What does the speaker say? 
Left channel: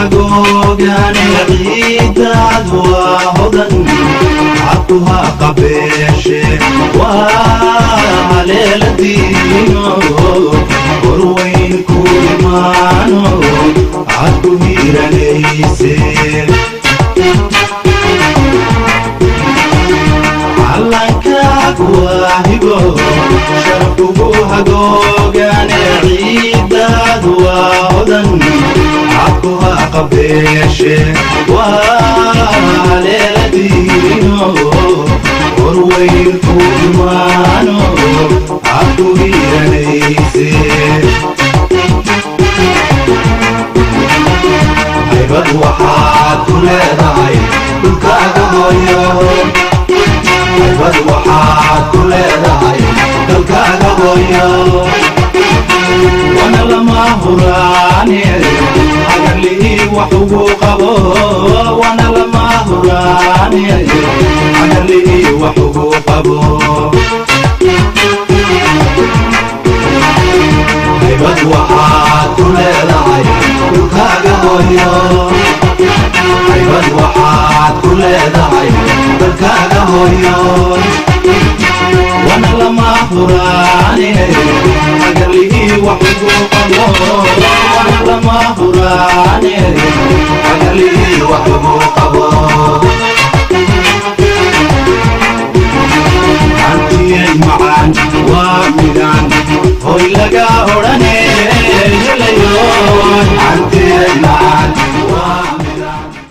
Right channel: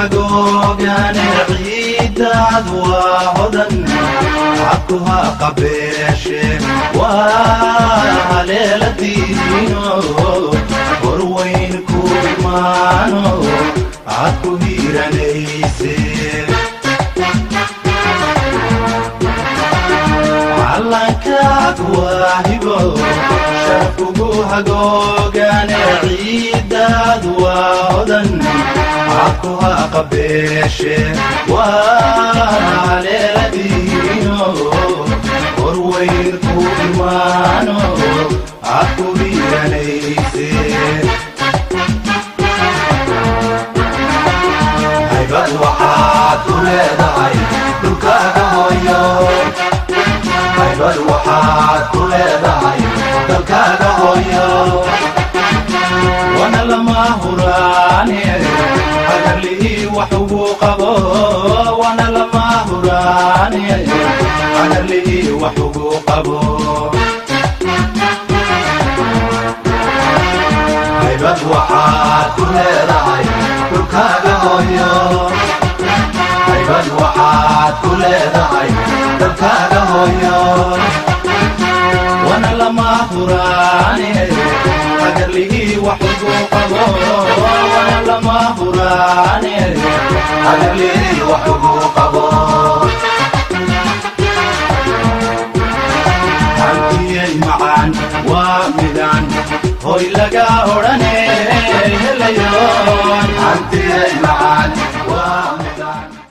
hagoogaane ciidaad waa hodan cabduha qabeeshe waa haleeladiino horweyn ku imaano cadku hiiranayse calankaad waa hibo sharafkugu hagoogaane ciidaad waa hodan cabduha qabeeshe waa haleeladiino horweyn ku imaano cadku hiiranayse haybad waxaad ku leedahay dhulkaaga hooyo haybad waxaad ku leedahay dalkaaga hooyo wana lama huraane hagarlihii wax ugu qabo wana lama huraane hagarlihii wax ugu qabo haybad waxaad ku leedahay dhulkaaga hooyo haybad waxaad ku leedahay dalkaaga hooyo wana lama huraane hagarlihii wax ugu qabo wana lama huraane hagarlihii wax ugu qabo hantiyay macaan waa midaan hoy laga odhane